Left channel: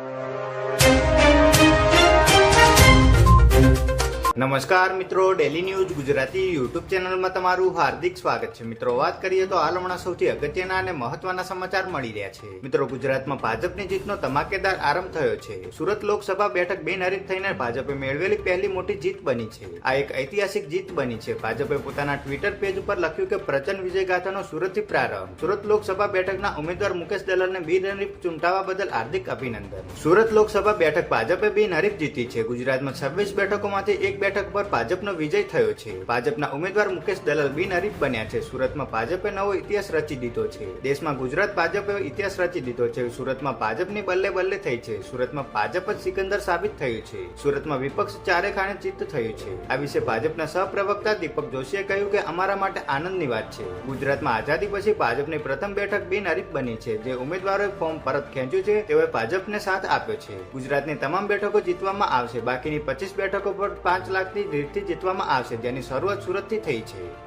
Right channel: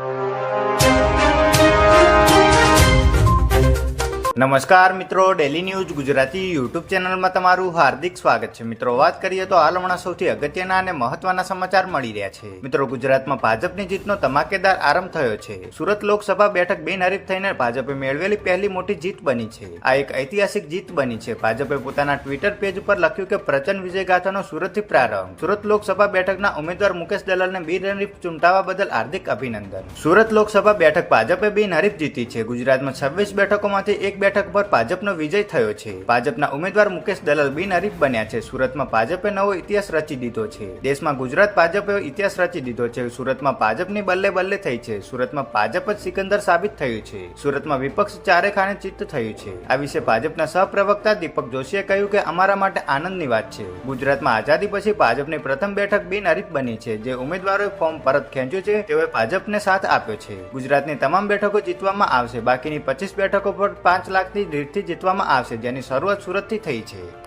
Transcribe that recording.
you. નમસ્કાર મિત્રો daily news Gujarati YouTube ચેનલમાં તમારું હાર્દિક સ્વાગત છે. મિત્રો, વાત કરીએ તો હાલ હમણાં સૌથી અગત્યના અને મહત્વના સમાચાર મળી રહ્યા છે. મિત્રો, ગુજરાતમાં ભાજપની જીતનો ધમાકેદાર આરંભ થયો છે. સુરત લોકસભા બેઠક બિનહરીફ થઈને ભાજપે મેળવેલી પહેલી મોટી જીત બની છે. આ એક ઐતિહાસિક જીત બની છે. ભાજપે પોતાના ટ્વિટર પેજ ઉપર લખ્યું કે પ્રચંડ વિજય ગાથાનો સુરતથી પ્રારંભ. સુરત લોકસભા બેઠકના ઉમેદવાર મુકેશ દલાલને બિનહરીફ ચૂંટાવા બદલ હાર્દિક અભિનંદન. સુરત લોકસભા બેઠક ભાજપે બિનહરીફ જીતી છે. ગુજરાતમાં છવ્વીસ બેઠકોમાંથી એક બેઠક પર ભાજપનો વિજય થયો છે. ભાજપના ઉમેદવાર મુકેશ દલાલ બિનહરીફ બન્યા છે. સુરતમાં ભાજપે નવો ઇતિહાસ રચી દીધો છે. દેશમાં ગુજરાત ભાજપે ઇતિહાસ રચી દીધો છે. સુરતમાં ભાજપની બલ્લે બલ્લે થઈ છે. સુરતમાં ભાજપ જ સિકંદર સાબિત થયું છે. સુરતમાં વિપક્ષ ચારે ખાને ચિત્ત થયું છે. આ વિશે ભાજપના સહપ્રવક્તા દીપક જોશીએ કહ્યું કે અમારા માટે આનંદની વાત છે. ગુજરાતમાં આઝાદી પછી ભાજપની પ્રથમ બેઠક બિનહરીફ બની છે. જે ઉમેદવારોએ ફોર્મ પરત ખેંચ્યું છે, તેઓએ ભાજપને સાથ આપ્યો છે. ગુજરાતની તમામ બેઠકો જીતવામાં આવશે. બાકીની પચીસ બેઠકો પર પાંચ લાખની રેટથી જીતવામાં આવશે જેની શરૂઆત સુરતથી થઈ છે.